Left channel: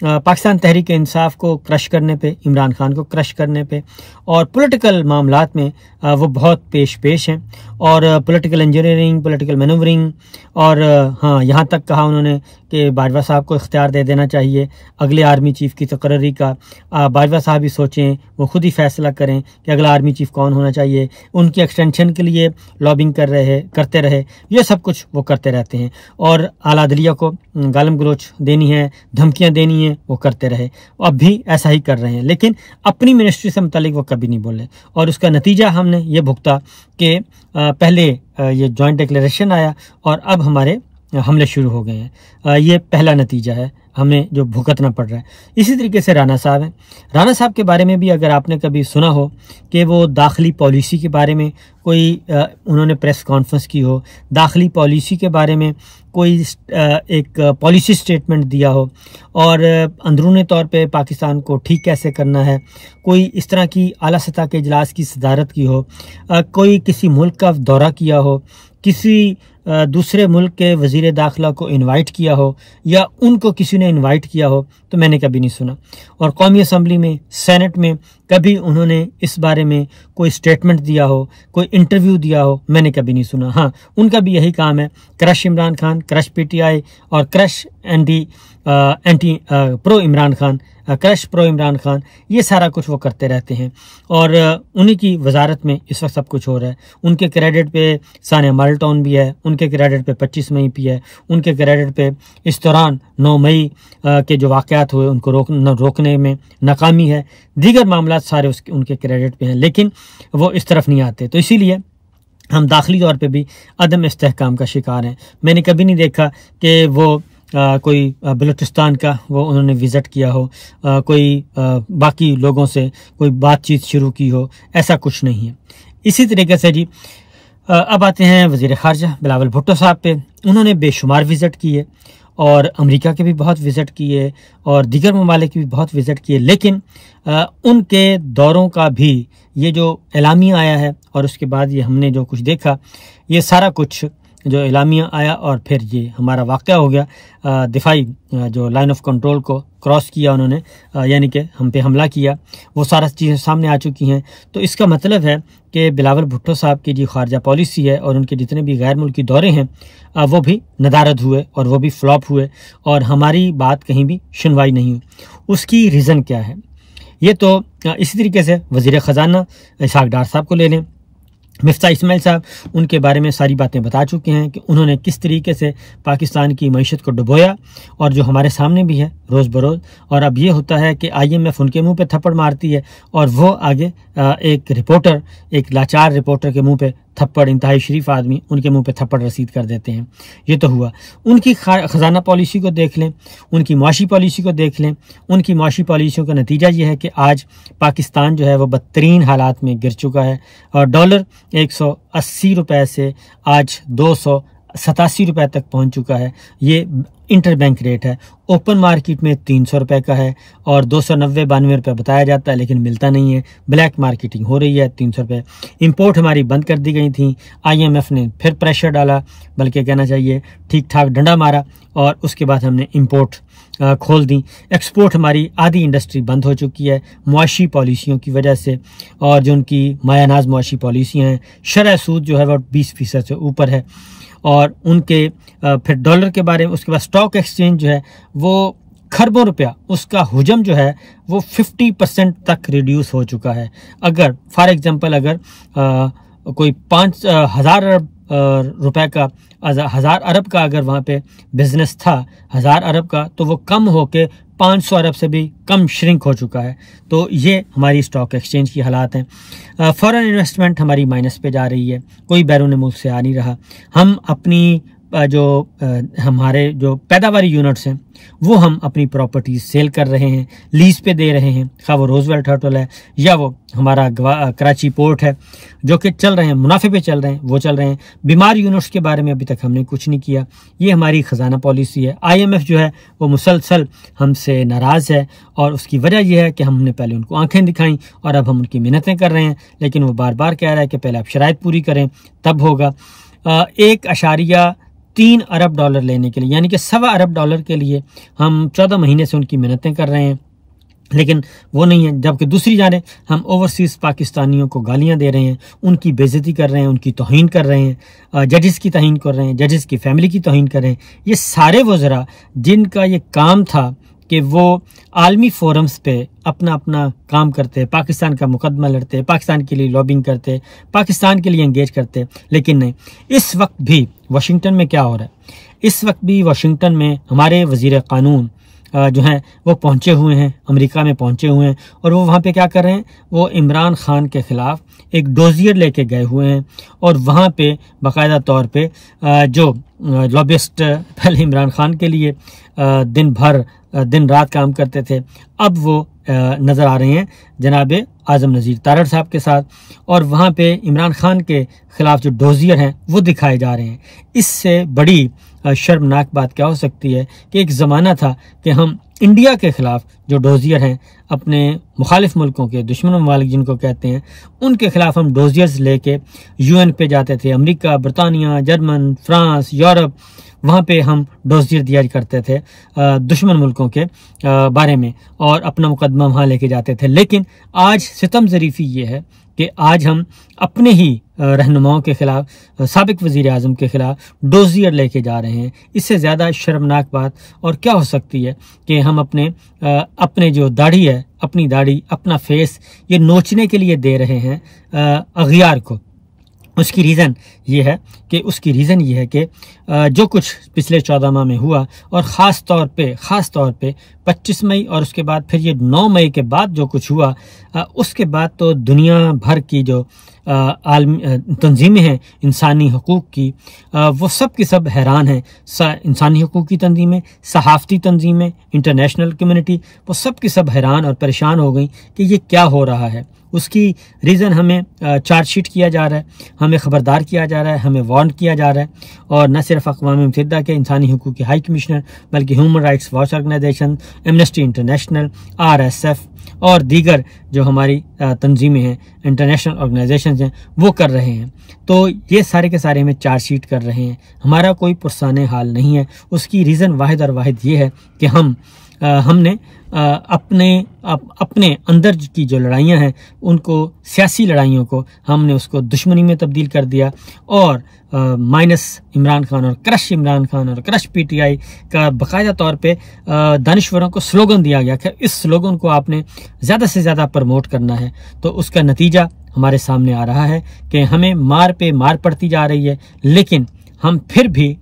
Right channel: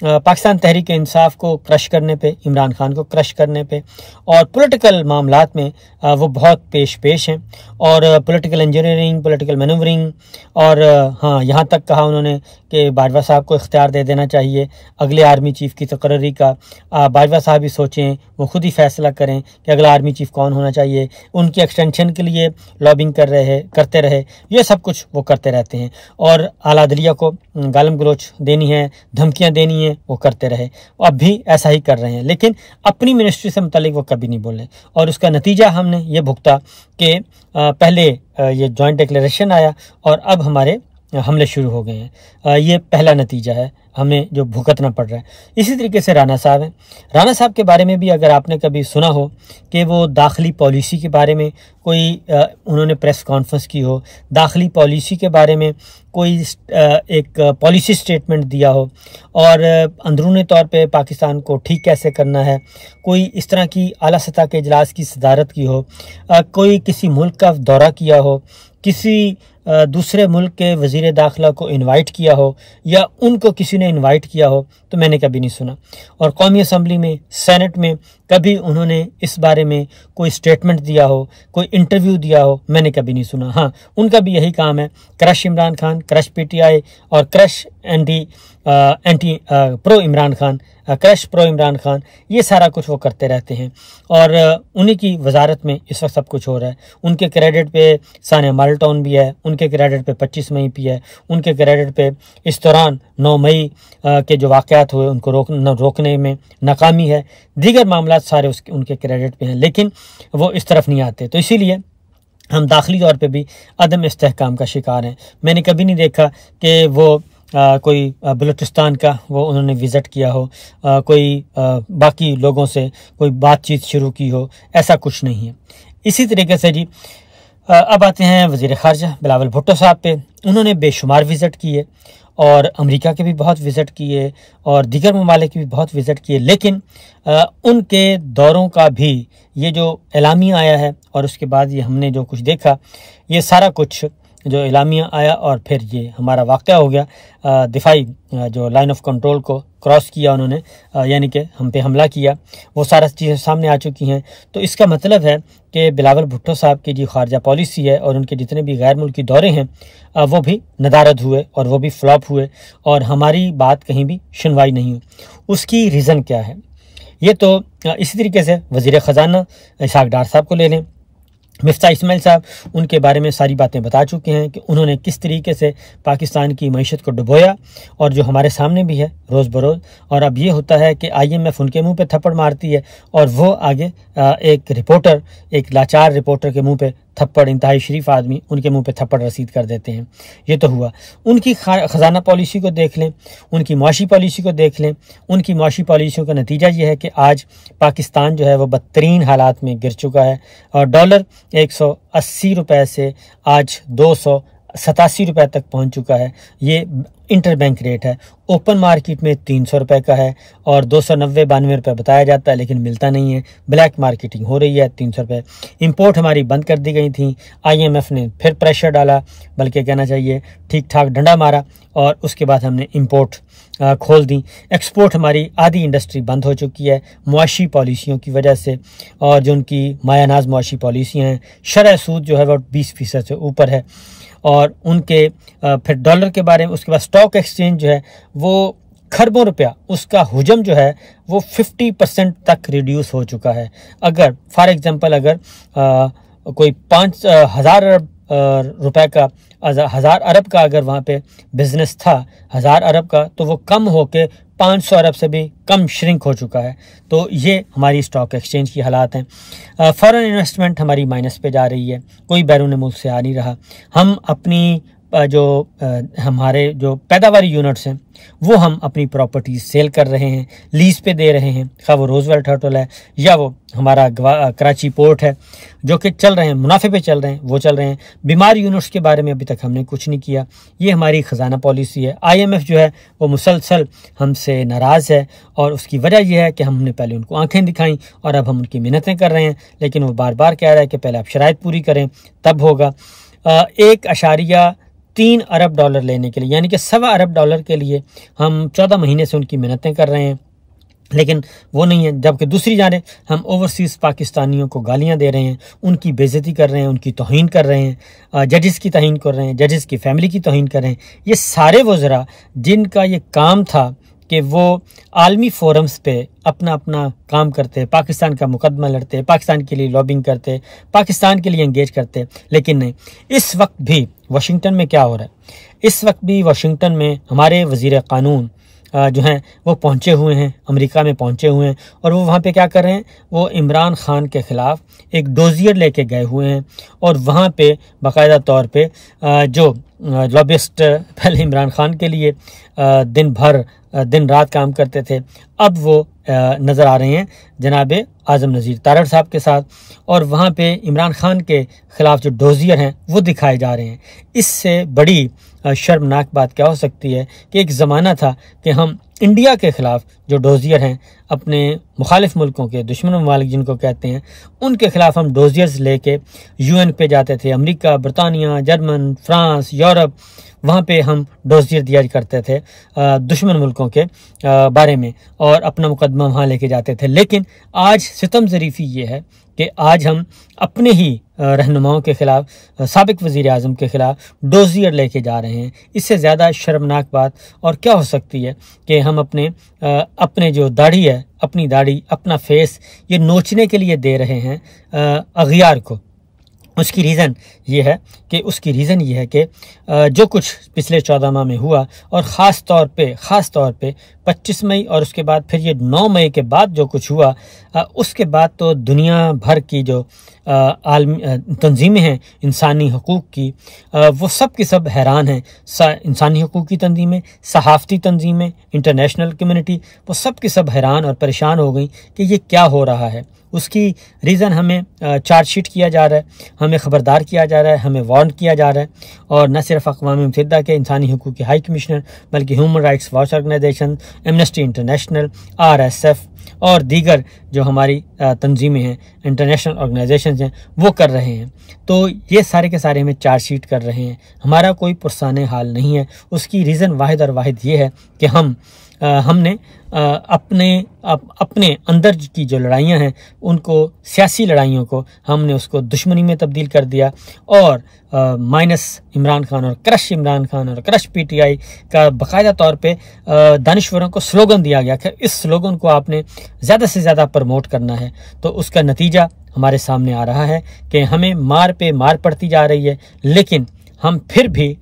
پاکستان تحریک انصاف کو کرش کرنے پہ، عمران خان کو کرش کرنے پہ، اور پولیٹیکل معاملات میں وہ بہت پیش ہیں، اور پولیٹیکل انجینئرنگ، پولیٹیکل مینورنگ، اور ہاں یہاں تک کہا انہوں نے کہ باجوہ صاحب کو اختیار دے دینا چاہیے اگلے آرمی چیف کی تقرری کا۔ باجوہ صاحب ہی سوچیں، وہ خود ہی فیصلہ کریں کہ اگلا آرمی چیف کون ہونا چاہیے، ان کی ایکسٹینشن کے لیے لابنگ کرتے رہے، یہ سب کچھ وہ کرتے رہتے ہیں، اور اعلیٰ عدلیہ کو گالم گلوچ دینی ہے، دھمکیاں دینی ہیں، وہ کرتے رہے، اب بھی ایسا ہی کر رہے ہیں، لیکن اپنی منسٹری سے متعلق وہ کبھی نہیں بولے، اور اس کا نتیجہ ہم نے یہ بھگتا کہ پہلے یہ جوائنٹ ڈکلیریشن آیا اور اب ہمارے حملے شروع ہو گئے ہیں، یہ پہلا نتیجہ ہے ہمیں جو بھگتنا پڑ رہا ہے۔ اسی طریقے سے رانا صاحب ہیں، رانا صاحب کے بارے میں بھی اگر آپ نے کبھی سنا ہو کہ وہ داخلی پالیسی کے بارے میں کوئی انہوں نے پریس کانفرنس کی ہو، داخلی پالیسی کے بارے میں کوئی ایک پالیسی سٹیٹمنٹ دیا ہو، اور اندرونی طور پہ پاکستان کو ٹھیک کیسے کرنا ہے، کوئی اس طرح کی اعلیٰ سطح کے اجلاس کی صدارت کی ہو، کوئی کسی ملک کا دورہ کیا ہو، کسی دوسرے ملک کے وزیر داخلہ کو انوائٹ کیا ہو، یا ان کو کسی نے انوائٹ کیا ہو، تو میں نے کبھی نہیں سنا، اور قومی اسمبلی میں، سینٹ میں کبھی انہوں نے اس بارے میں کوئی سٹیٹمنٹ دیا ہو، کوئی انٹرویو دیا ہو، میں نے کبھی نہیں سنا۔ ہاں ان کا بھی یہی کام ہے، کرش عمران خان، کرش پی ٹی آئی، اور کرش پرو عمران خان، کرش پرو عمران خان، یہ سارا کچھ وہ کرتے رہتے ہیں، اور انہی کی وزارت میں اس وقت سب کچھ ہو رہا ہے۔ ان کے کریڈٹ پہ ثانیہ مال ٹاؤن بھی ہے، ان کے کریڈٹ پہ 25 مئی بھی ہے، ان کے کریڈٹ پہ اس دوران 9 مئی کے جو واقعات ہوئے ان کو روکنے میں ناکامی ہے، دیگر معاملات سارے ان کے کریڈٹ پہ ہیں، لیکن وہ اس طرف نہیں آتے، تو اسی لیے ہم داخلی طور پہ بھی عدم استحکام کا شکار ہیں۔ میں نے کبھی نہیں دیکھا کہ وہ کوئی بلوچستان کا وہ انہوں نے وزٹ کیا ہو، کوئی باقی لوگوں سے کوئی بات چیت شروع کی ہو، ایسا کچھ نہیں ہے۔ اسی طریقے سے جی اب آتے ہیں وزیر خارجہ بلاول بھٹو صاحب پہ، انہوں نے بے شمار وزٹ کیے، اور امریکہ کے بھی بہت وزٹ کیے، اور دیگر ممالک کے بھی بہت وزٹ کیے، لیکن ان کے دوروں کا بھی یہ جو اعلامیہ آیا ہے، اور اس کے بعد یہ ہم نے جو کچھ دیکھا، یہ سارا کچھ جو اعلامیہ آیا اور پھر یہ ہمارا واقعہ ہو گیا، دفاعی جو لائن آف کنٹرول کو کراس کیا انہوں نے، یعنی کہ ہم پہ حملہ کیا، وہ سارا چیزیں سامنے آ چکی ہیں، تو اس کا مطلب ہے کہ بلاول بھٹو صاحب کی جو خارجہ پالیسی ہے اور ان کے جتنے بھی غیر ملکی دورے ہیں وہ بھی ندارد ہوئے اور وہ بھی فلاپ ہوئے، اور ہماری بات کہیں بھی سنوائی نہیں ہوئی۔ اس کی ریزن کیا ہے؟ یہ تو اسی طریقے سے وزیر خزانہ اسحاق ڈار صاحب کو لے لیں، مفتاح اسماعیل صاحب ان کے بارے میں ساری باتیں بتا چکے ہیں کہ انہوں نے کس طریقے سے پاکستان کی معیشت کو ڈبویا، اور جو ہمارے سامنے بھی ہے روز بروز، اور اب یہ ہوتا ہے کہ IMF ان کے منہ پہ تھپڑ مارتی ہے، اور وہ آگے ایک لاچار رپورٹر کے منہ پہ تھپڑ، انتہائی شریف آدمی ان کے منہ پہ تھپڑ رسید کر دیتے ہیں۔ یہ تو ہوا۔ ان کی خزانہ پالیسی کو دیکھ لیں، ان کی معاشی پالیسی کو دیکھ لیں، ان کی معاشی پالیسیوں کا نتیجہ یہ ہے کہ آج پاکستان جو ہے وہ بدترین حالات میں گر چکا ہے، اور ڈالر 180 روپے سے آج 287 روپے تک پہنچ چکا ہے۔ یہ انٹر بینک ریٹ ہے، اوپن مارکیٹ میں 300 روپے کا ہے، اور 290-92 روپے بتایا جاتا ہے، لیکن ملتا نہیں ہے، بلیک مارکیٹنگ ہو رہی ہے 300 روپے۔ امپورٹ ہماری بند کر دی گئی تھیں، IMF نے پھر پریشر ڈالا، بلکہ کہنا چاہیے ٹھیک ٹھاک ڈنڈا مارا، اور اس کے بعد ہم نے امپورٹ کھول دی۔ ایکسپورٹ ہماری آدھی انڈسٹری بند ہو چکی ہے معاشی پالیسیوں کی وجہ سے، اور جو ان کی مایہ ناز معاشی پالیسیاں ہیں، شرح سود جو ہے وہ 20% سے اوپر ہے، اور ان کے پھر ڈالر کے بارے میں، اس کے بعد سٹاک ایکسچینج جو ہے وہ کھربوں روپیہ، اس کا حجم جو ہے وہ 50% تک ریڈیوس ہو چکا ہے۔ اگر فار ایگزامپل اگر کوئی 5,000 ارب روپے کا، 1,000 ارب کا اگر وہاں پہ بزنس تھا، 1,000 ارب کا، تو وہ کم ہو کے 500 ارب سے بھی کم شرنک ہو چکا ہے۔ تو یہ ہماری سٹاک ایکسچینج کی حالات ہیں۔ فارن انویسٹمنٹ ہماری مائنس پہ جا رہی ہے، کوئی بیرون ملک سے آ نہیں رہا۔ ہم اپنی جو ہمارے جو پیداواری یونٹس ہیں وہ ہم اپنی پراپرٹیز سیل کر رہے ہیں، لیز پہ دے رہے ہیں، خواہ وہ روزویلٹ ہوٹل ہے یا وہ ہمارا کراچی پورٹ ہے، جو کہ چل رہے ہیں، منافع پہ چل رہے ہیں، وہ چل رہے ہیں۔ بیمار یونٹس کے بارے میں ابھی تک ہم نے کچھ نہیں کیا۔ یہ ہماری خزانہ پالیسی ہے۔ IMF جو ہے وہ مسلسل ہم سے ناراض ہے، اور اس کی وجہ یہ ہے کہ ہم نے پہلے ان کو آنکھیں دکھائیں، اور اب ہم ان کی منتیں کر رہے ہیں، لیکن وہ بار بار کہہ رہا ہے کہ پہلے آپ شرائط پوری کریں تب ہوگا۔ 1.3 $3 ارب لینے کے لیے، یعنی کہ $1.25 ارب کے لیے ہم 14 مہینے سے ان کی محنتیں کر رہے ہیں، لیکن وہ نہیں ہے۔ جبکہ دوسری جانب ہم اوورسیز پاکستانیوں کو گالیاں دے رہے ہیں، ان کی بے عزتی کر رہے ہیں، ان کی توہین کر رہے ہیں، ججز کی توہین کر رہے ہیں، ججز کی فیملی کی توہین کر رہے ہیں۔ یہ سارے وزراء جن کا یہ کام تھا کہ وہ عالمی فورمز پہ اپنا کام کرتے، پاکستان کا مقدمہ لڑتے، پاکستان کے لیے لابنگ کرتے، پاکستان کے لیے انگیج کرتے، لیکن نہیں۔ اس وقت بھی واشنگٹن میں کیا ہو رہا ہے؟ اس وقت بھی واشنگٹن میں ہمارے وزیر قانون جو ہیں وہ پہنچے ہوئے ہیں، امریکہ میں پہنچے ہوئے ہیں، اور وہ وہاں پہ کیا کر رہے ہیں؟ وہ عمران خان کے خلاف ایک ڈوزیئر لے کے گئے ہوئے ہیں، اور وہاں پہ باقاعدہ طور پہ جو لابسٹ پہلے عمران خان کے لیے دن رات کام کرتے تھے، اب وہ نظر آ رہے ہیں جناب اعظم نذیر تارڑ صاحب کے ساتھ، اور وہاں پہ عمران خان کے خلاف جو ڈوزیئر ہیں وہ دکھائے جا رہے ہیں۔ اس سے بڑی شرمناک بات کیا ہو سکتی ہے کہ ایک زمانہ تھا کہ ہم انڈیا کے خلاف جو ڈوزیئر ہیں، اپنے مخالف ملکوں کے دشمن ممالک جن کو کہتے ہیں، ان کے خلاف ہم ڈوزیئرز لے کے UN پہ جاتے تھے، امریکہ، برطانیہ، جرمن، فرانس، یورپ، وہاں پہ ہم ڈوزیئر دیا کرتے تھے دشمن ملکوں کے بارے میں، اور اپنا مقدمہ وہاں لے کے جاتے تھے۔ لیکن آج ستم ظریفی یہ ہے کہ آج ہم اپنے ہی رہنماؤں کے خلاف، سابق وزیر اعظم کے خلاف ڈوزیئر لے کے جا رہے ہیں۔ اس سے زیادہ شرمناک بات اور کیا ہو سکتی ہے کہ ہم اپنے جو داڑھی ہے، اپنی داڑھی، اپنا فیس یہ نوچنے کے لیے دے رہے ہیں اغیار کو۔ اس کی ریزن یہ ہے کہ جو کچھ پچھلے 14 ماہ میں ہوا، اور خاص طور پہ 25 مئی اور اس کے بعد پھر یہ 9 مئی کے بعد جو کچھ ہوا، اس کے بعد تو دنیا بھر کی جو عالمی تنظیمیں ہیں انسانی حقوق کی، وہ سب کی سب حیران ہیں۔ انسانی حقوق کی تنظیمیں، صحافتی تنظیمیں، انٹرنیشنل کمیونٹی، وہ سب کی سب حیران اور پریشان ہو گئیں کہ یہ کیا ہو رہا ہے۔ اس کی ریزن ہمیں چارج شیٹ کیا جا رہا ہے، ہمیں خبردار کیا جا رہا ہے، ہمیں وارن کیا جا رہا ہے، اور نہ صرف اقوام متحدہ کے انسانی حقوق کے ہائی کمشنر، بلکہ Human Rights Watch organisation, Amnesty International, RSF اور دیگر جو ہماری تنظیمیں ہیں، انٹرنیشنل آرگنائزیشنز ہیں، وہ کر رہے ہیں۔ تو یہ سارے کے سارے ہمیں چارج شیٹ کر رہے ہیں۔ ہمارا کوئی پرسان حال نہیں ہے۔ اس کی ریزن واحد اور واحد یہ ہے کہ ہم نے اپنے اندر کی جو لڑائیاں ہیں، ان کو، سیاسی لڑائیوں کو، ہم نے اس کو دشمنی میں تبدیل کر دیا، اور مائنس عمران خان اور کرش عمران خان اور کرش PTI کا باقاعدہ طور پہ دانشوروں کو سلوگن دیا گیا کہ اس سلوگن کو آپ نے زیادہ سے زیادہ پروموٹ کرنا ہے۔ تو اس کا نتیجہ ہمارے سامنے آ رہا ہے کہ ہمیں مار پہ مار پڑتی جا رہی ہے، لیکن ہم پھر بھی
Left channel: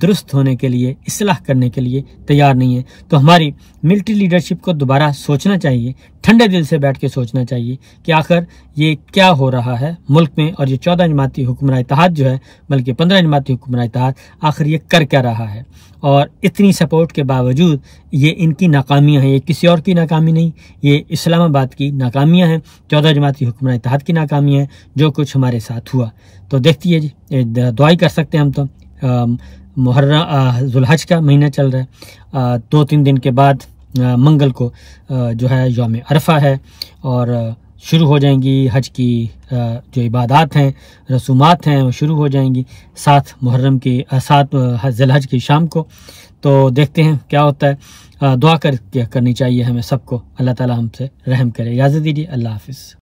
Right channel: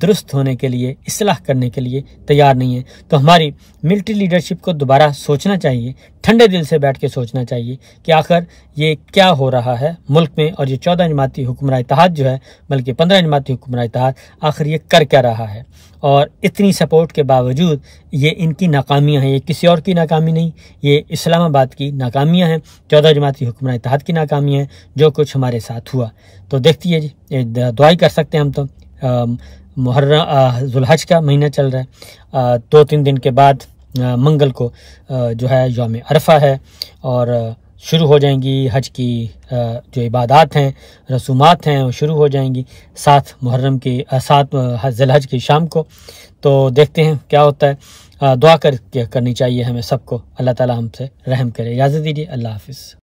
درست ہونے کے لیے، اصلاح کرنے کے لیے تیار نہیں ہیں۔ تو ہماری ملٹری لیڈرشپ کو دوبارہ سوچنا چاہیے، ٹھنڈے دل سے بیٹھ کے سوچنا چاہیے کہ آخر یہ کیا ہو رہا ہے ملک میں، اور یہ 14 جماعتی حکمراں اتحاد جو ہے، بلکہ 15 جماعتی حکمراں اتحاد، آخر یہ کر کیا رہا ہے۔ اور اتنی سپورٹ کے باوجود یہ ان کی ناکامیاں ہیں، یہ کسی اور کی ناکامی نہیں، یہ اسلام آباد کی ناکامیاں ہیں، 14 جماعتی حکمراں اتحاد کی ناکامیاں ہیں، جو کچھ ہمارے ساتھ ہوا۔ تو دیکھتی ہے جی، دعائی کر سکتے ہیں ہم تو۔ محرم ذوالحج کا مہینہ چل رہا ہے، 2-3 دن کے بعد منگل کو جو ہے یوم عرفہ ہے، اور شروع ہو جائیں گی حج کی جو عبادات ہیں، رسومات ہیں، وہ شروع ہو جائیں گی 7 ذی الحج کی شام کو۔ تو دیکھتے ہیں کیا ہوتا ہے۔ دعا کرنی چاہیے ہمیں سب کو، اللہ تعالی ہم سے رحم کرے۔ اجازت دیجیے، اللہ حافظ۔